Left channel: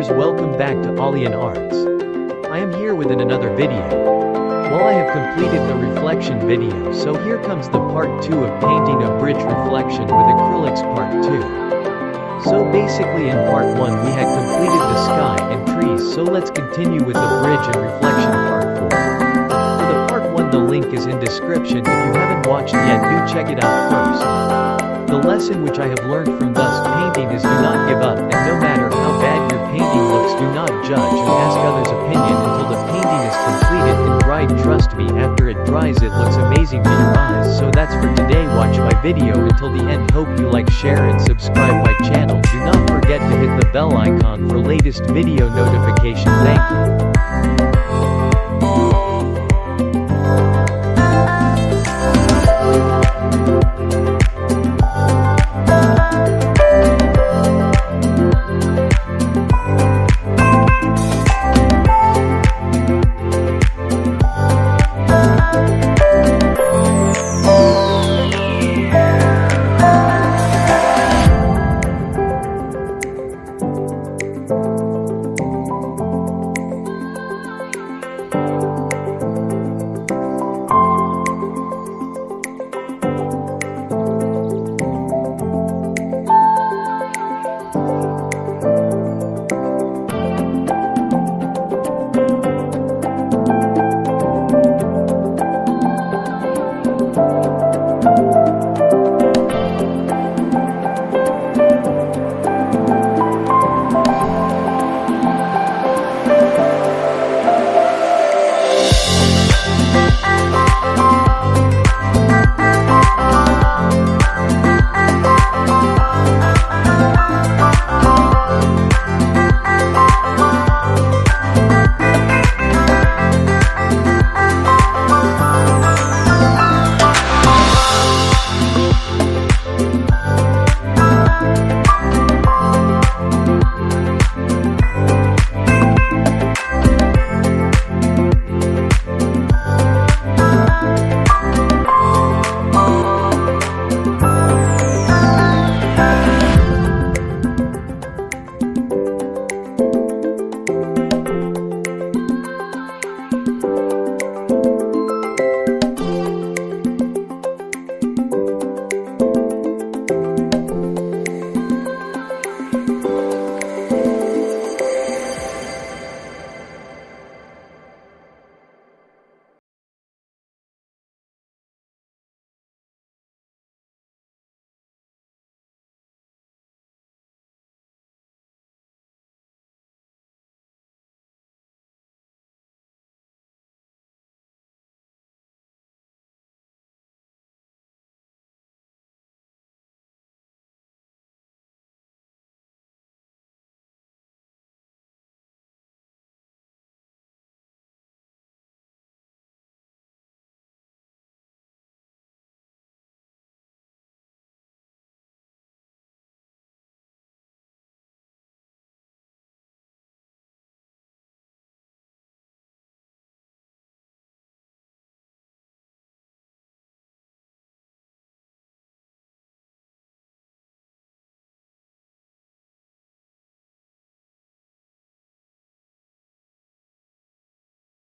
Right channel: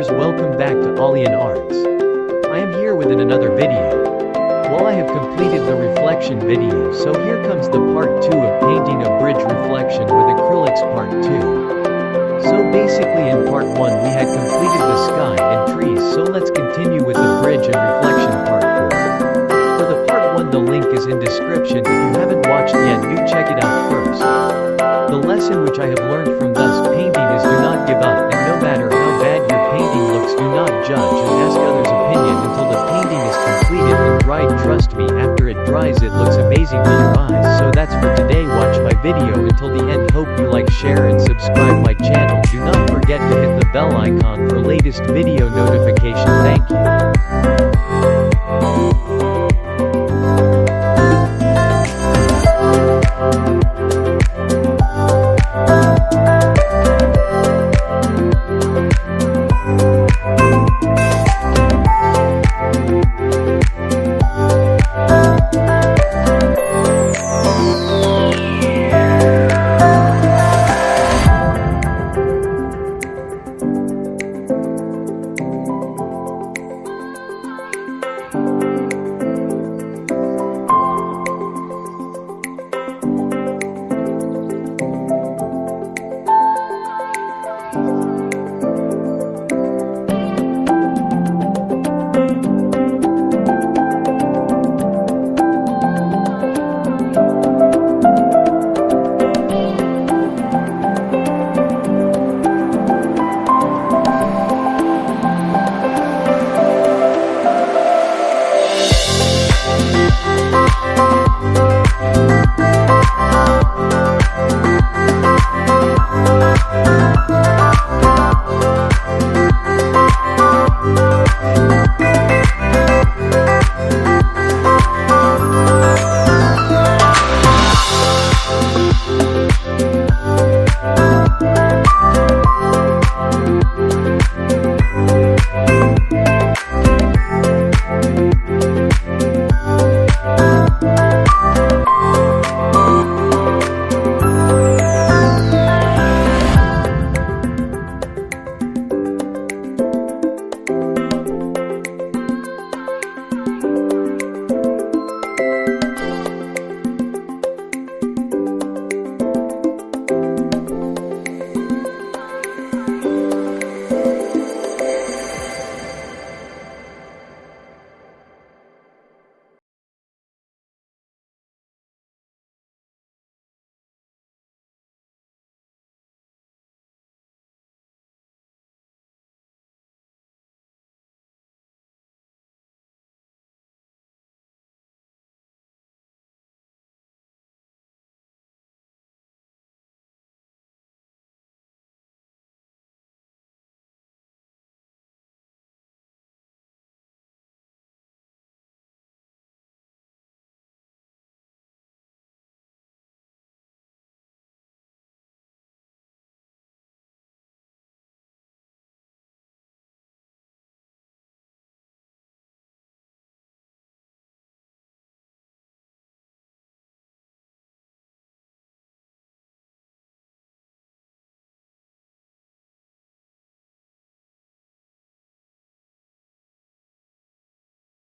viewers, welcome back to Alyan Arts. I am here with another video. Well, I have completed the reflection video, so here comes the part 2 of painting a bridge reflection with acrylics part 2. So basically in part 1 we had completed the sky and trees, so let's continue with the bridge and reflection part 4. For the part 1, the link is in description. If you haven't watched yet, do check it out first. The lesson which I have learned from thus painting is do not give up, and no matter how bad your painting looks, do not judge and ask others' opinion until the painting is completed and dried. Trust me, after it dries it looks amazing to your eyes. So that's for today. Watch my video until the end. Hope you like, share and subscribe my channel. Do not forget to hit the bell icon for latest video notification. Thank you.